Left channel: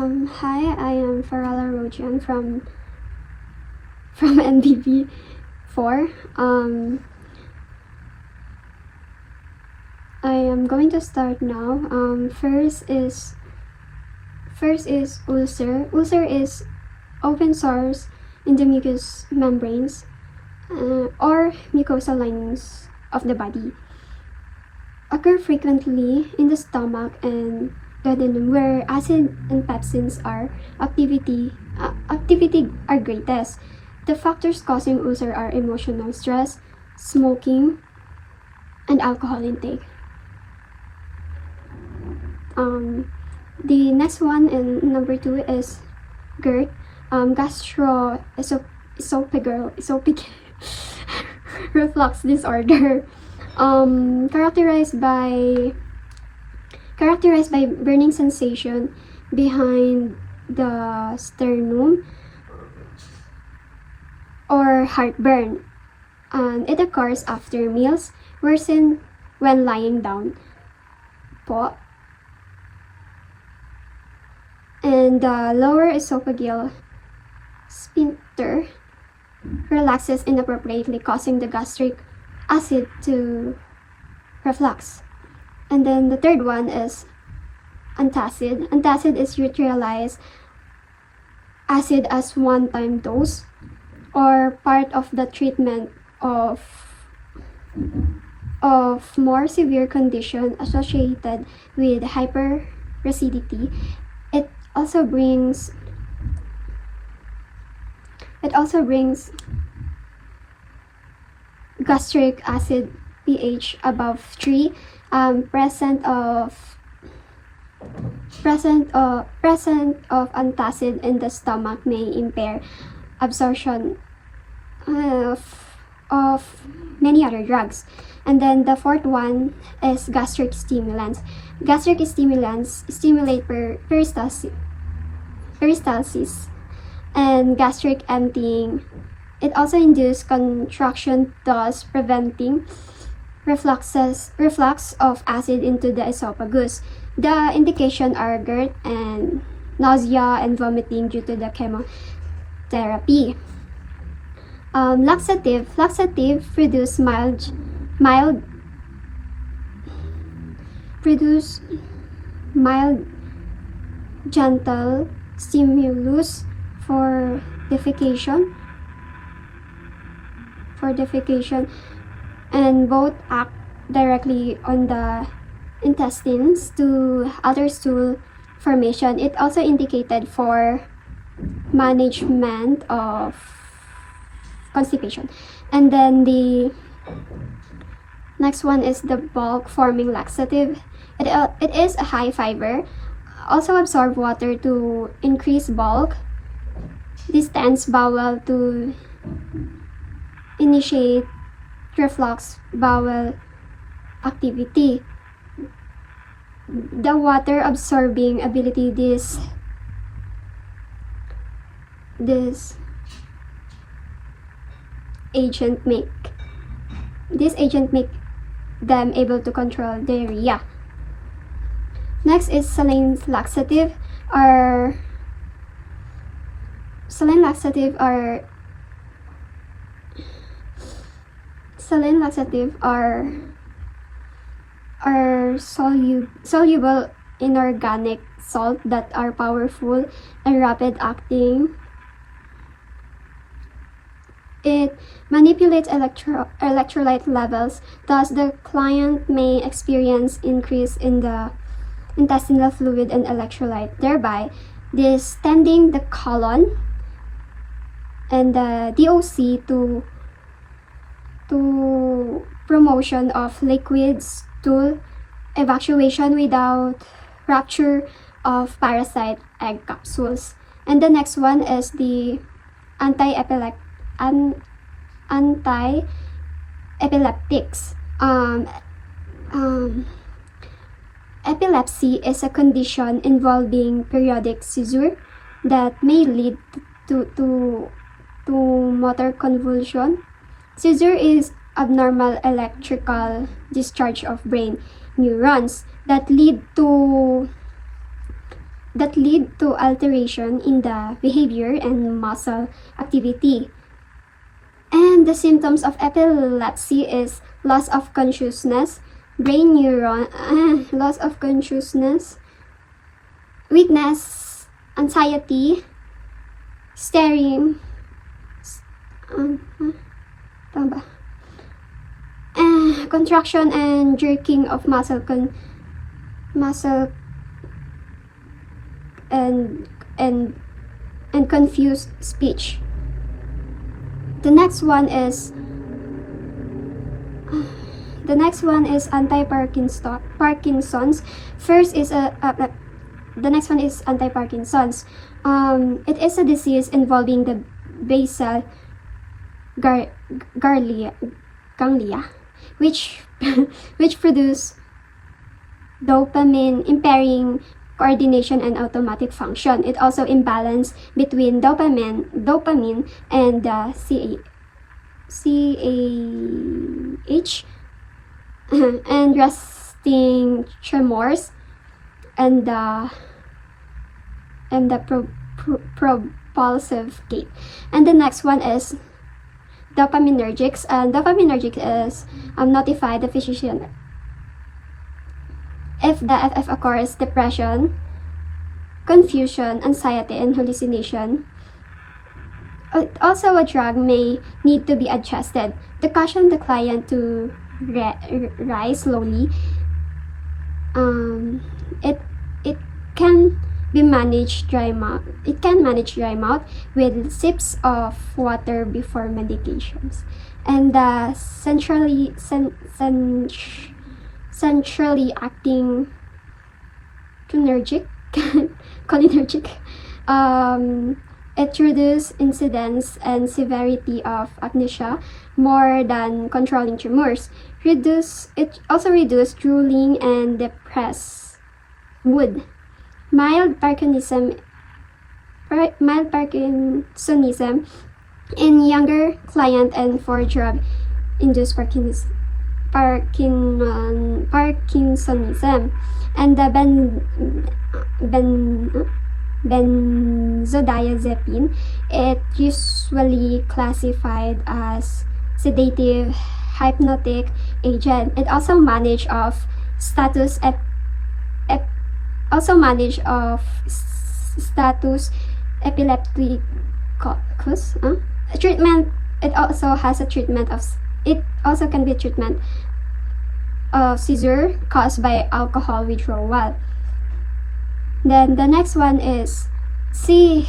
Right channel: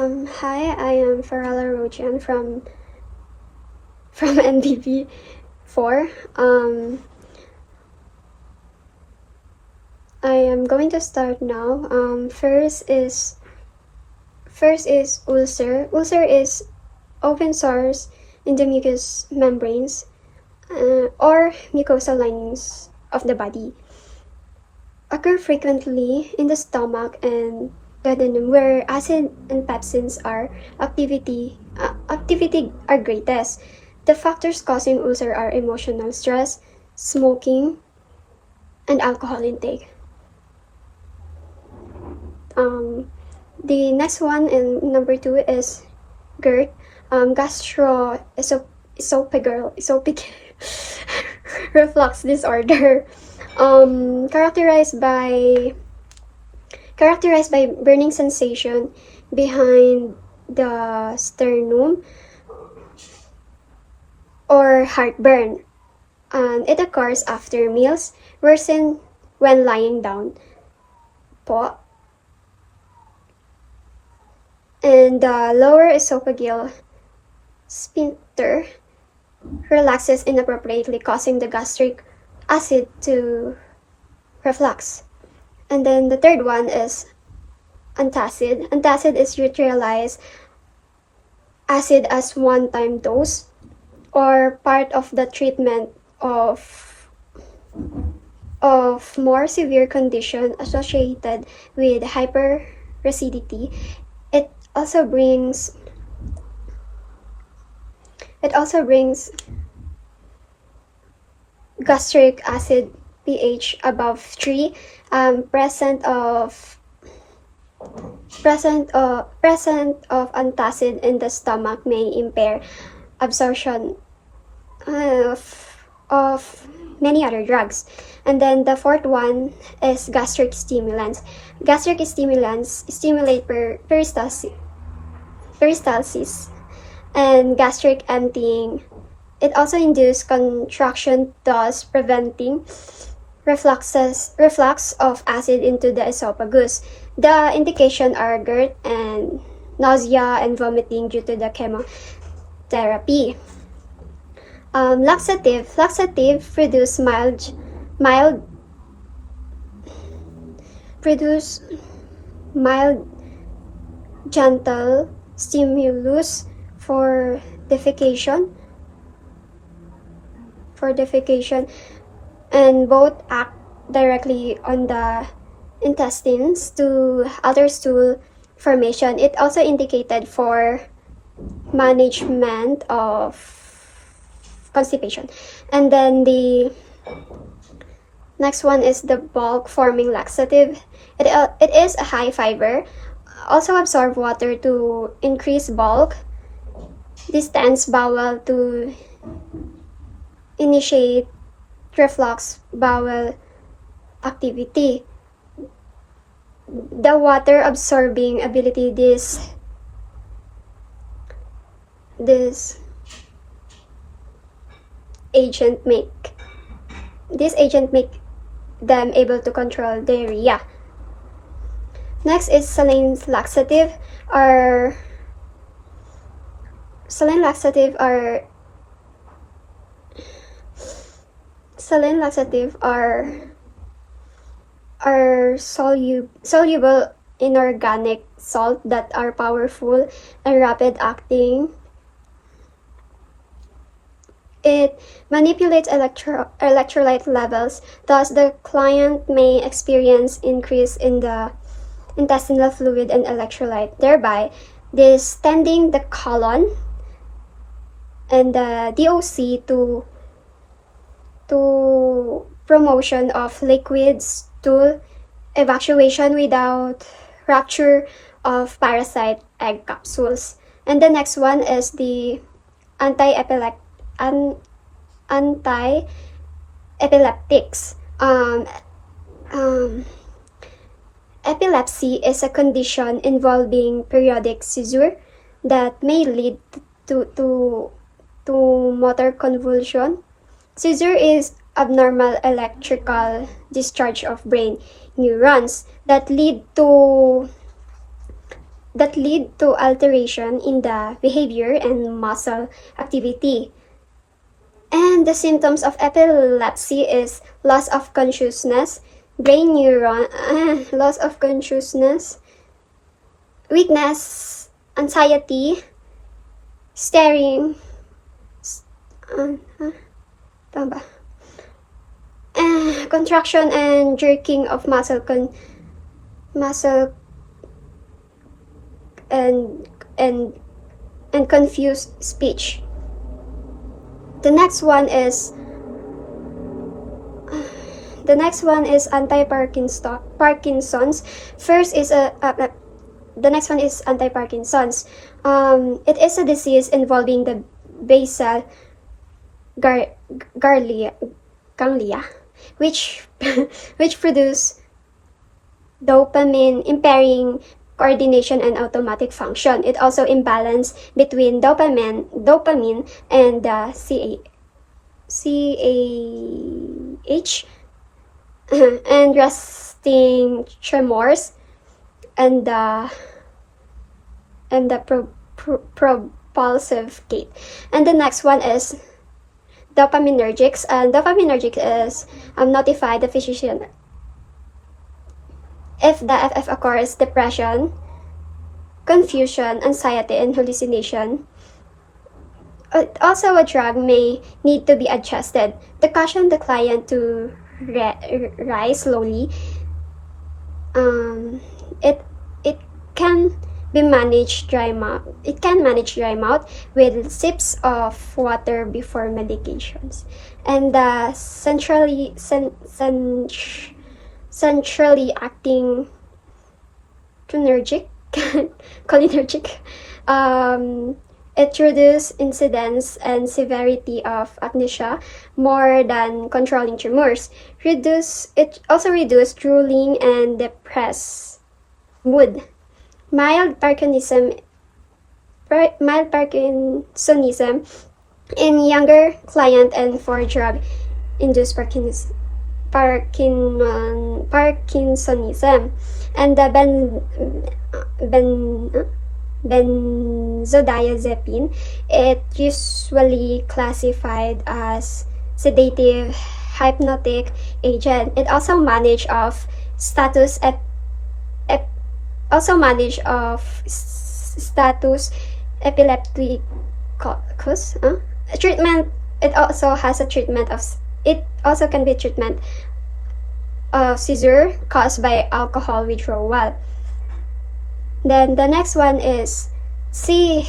Hi, I am FARALA ROGIE from NDB 4. I am going to start now. First is ulcer. Ulcer is open sores in the mucous membranes or mucosal linings of the body. Occur frequently in the stomach and duodenum, where acid and pepsins activity are greatest. The factors causing ulcer are emotional stress, smoking, and alcohol intake. The next one, and number 2, is GERD, gastroesophageal reflux disorder, characterized by burning sensation behind the sternum or heartburn, and it occurs after meals, worsen when lying down po. And the lower esophageal sphincter relaxes inappropriately, causing the gastric acid to reflux. And then the third one is antacid. Antacid is neutralized acid as one-time dose or part of the treatment of more severe condition associated with hyperacidity. It also brings gastric acid pH above 3, presence of antacid in the stomach may impair absorption of many other drugs. And then the fourth one is gastric stimulants. Gastric stimulants stimulate peristalsis and gastric emptying. It also induces contraction, thus preventing reflux of acid into the esophagus. The indications are GERD and nausea and vomiting due to the chemotherapy. Laxative produce mild gentle stimulus for defecation, and both act directly on the intestines to alter stool formation. It also indicated for management of constipation. And then the next one is the bulk forming laxative. It is a high fiber, also absorb water to increase bulk, distends bowel to initiate reflux bowel activity. The water absorbing ability this agent make them able to control diarrhea. Next is saline laxative. Saline laxative are soluble inorganic salt that are powerful and rapid acting. It manipulates electrolyte levels, thus the client may experience increase in the intestinal fluid and electrolyte, thereby distending the colon and the DOC to promotion of liquid stool evacuation without rupture of parasite egg capsules. And the next one is the anti-epileptics. Epilepsy is a condition involving periodic seizure that may lead to motor convulsion. Seizure is abnormal electrical discharge of brain neurons that lead to that lead to alteration in the behavior and muscle activity. And the symptoms of epilepsy is loss of consciousness, brain neuron, loss of consciousness, weakness, anxiety, staring, tama ba? Contraction and jerking of muscle and confused speech. The next one is anti-Parkinson's. The next one is anti-Parkinson's. It is a disease involving the basal ganglia, which produce dopamine, impairing coordination and automatic function. It also imbalance between dopamine and the CAH and resting tremors and the propulsive gait. And the next one is dopaminergics. And dopaminergic is notify the physician if the FF occurs: depression, confusion, anxiety, and hallucination. Also, a drug may need to be adjusted to caution the client to rise slowly. It can be managed dry mouth. It can manage dry mouth with sips of water before medications. And the centrally acting cholinergic, it reduces incidence and severity of agnosia more than controlling tremors. It also reduces drooling and depressed mood. Mild Parkinsonism in younger client and for drug-induced Parkinsonism. And the benzodiazepine, it usually classified as sedative hypnotic agent. It also manage of status epilepticus. Treatment. It also has a treatment of. It also can be treatment of seizure caused by alcohol withdrawal. Then the next one is CNS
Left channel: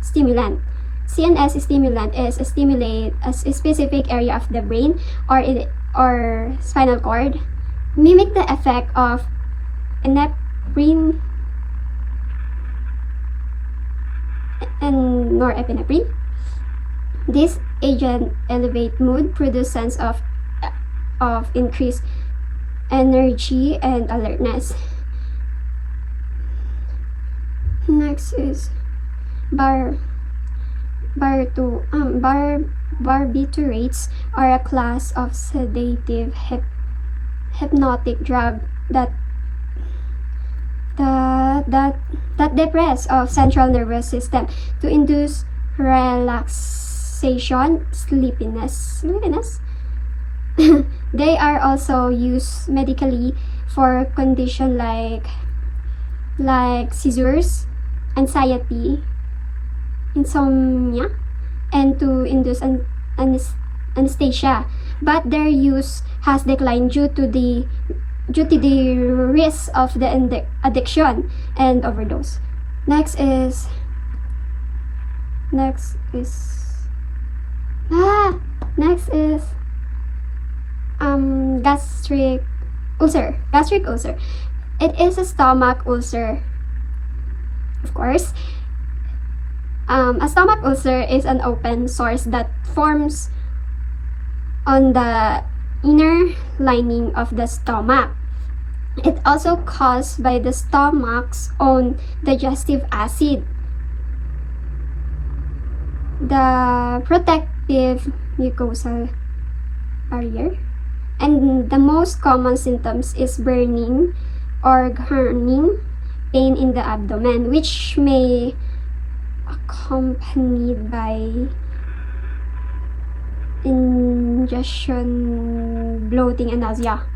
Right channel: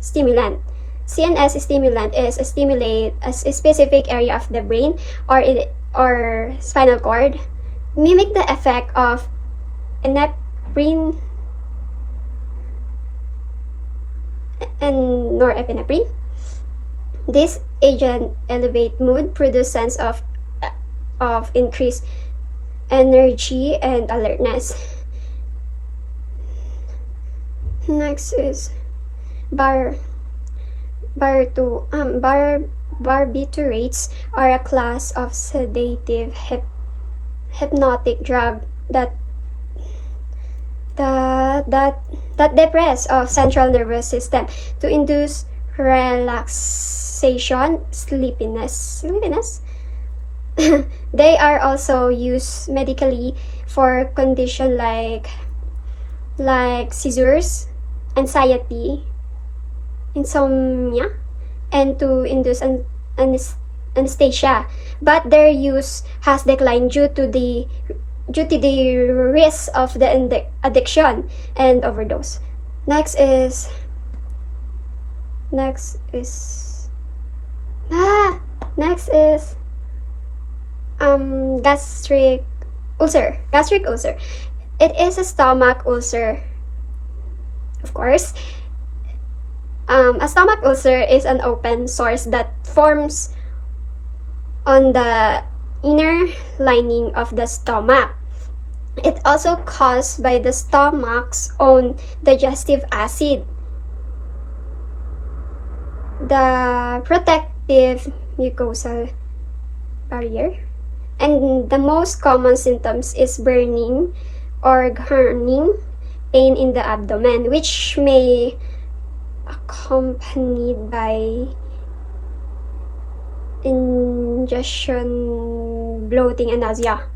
stimulant. CNS stimulant is a stimulate a specific area of the brain or spinal cord, mimic the effect of epinephrine and norepinephrine. This agent elevate mood, produce sense of increased energy and alertness. Next is barbiturates are a class of sedative hypnotic drug that depress of central nervous system to induce relaxation, sleepiness. They are also used medically for conditions like seizures, anxiety, insomnia, and to induce anesthesia. But their use has declined due to the risk of the addiction and overdose. Next is gastric ulcer. It is a stomach ulcer. Of course, a stomach ulcer is an open sores that forms on the inner lining of the stomach. It also caused by the stomach's own digestive acid. The protective mucosal barrier. And the most common symptoms is burning, or burning pain in the abdomen, which may accompanied by indigestion, bloating, and nausea.